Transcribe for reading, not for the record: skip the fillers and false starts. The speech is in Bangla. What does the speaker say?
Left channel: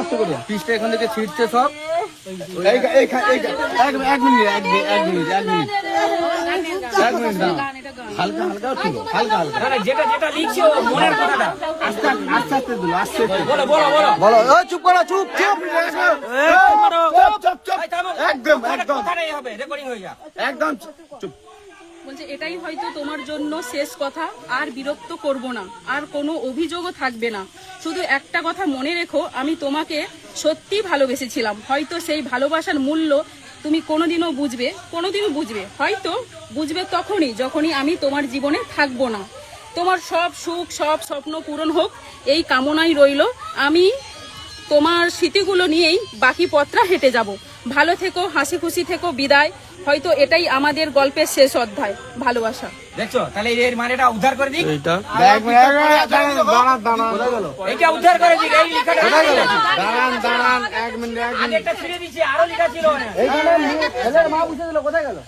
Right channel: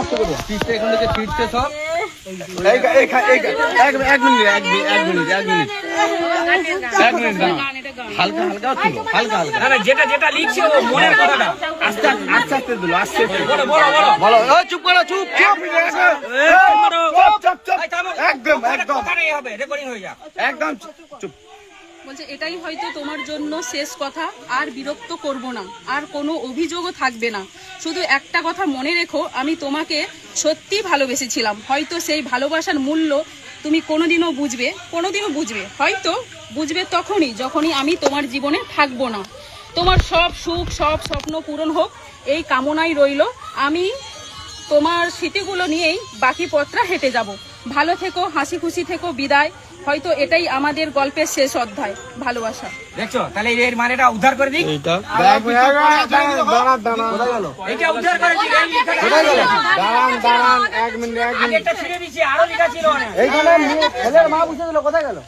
আস্তে করে পিসটা এখান থেকে ছিটছে সব। এক মিনিট হালকা হালকা ছিল, হালকা হালকা যেটা যেটা লিখছে ও মনের কথাটা আস্তে আস্তে আস্তে দিল, আস্তে বলো বলো বলো বলো। চুপ করো, চুপ চুপ একদম একদম কথা নেই হবে, রেকর্ডিং হয়ে যাক। একদম চুপ। বলছে এটাই হয়তো তোমার জন্য শেষ কথা, আর বিরক্ত করব না, আর কোনো অভিযোগও থাকবে না। শুধু একটা কথা মনে রেখো, আমি তোমাকে সত্যি ভালোবেসেছিলাম। হয়তো সেই ভালোবাসার মূল্য তুমি কোনোদিনও বুঝবে, হয়তো বুঝবে যখনই আমি তোমার জীবনে থাকবো না। তোমার সব সুখ, সব স্বপ্ন পূরণ হোক এই কামনাই রইল। আমি তোমার স্মৃতিগুলো নিয়েই বাকি পথটা হেঁটে যাব। ভালো থেকো, হাসি খুশি থেকো, বিদায়। হয়তো এটাই আমাদের গল্পের শেষ অধ্যায়, ভালোবাসা। দেখছো, তাহলে এর মানেটা উদ্ধার করে দিক, এইটা এইটা উদ্ধার করে দিক। এই দাঁড়ান 1 মিনিট আগেরটা ছিঁড়ে দিচ্ছি, আরো লেখা ছিল অনেক। এইখানে ছেলের মা বুঝে দিল, কোথায় গেল?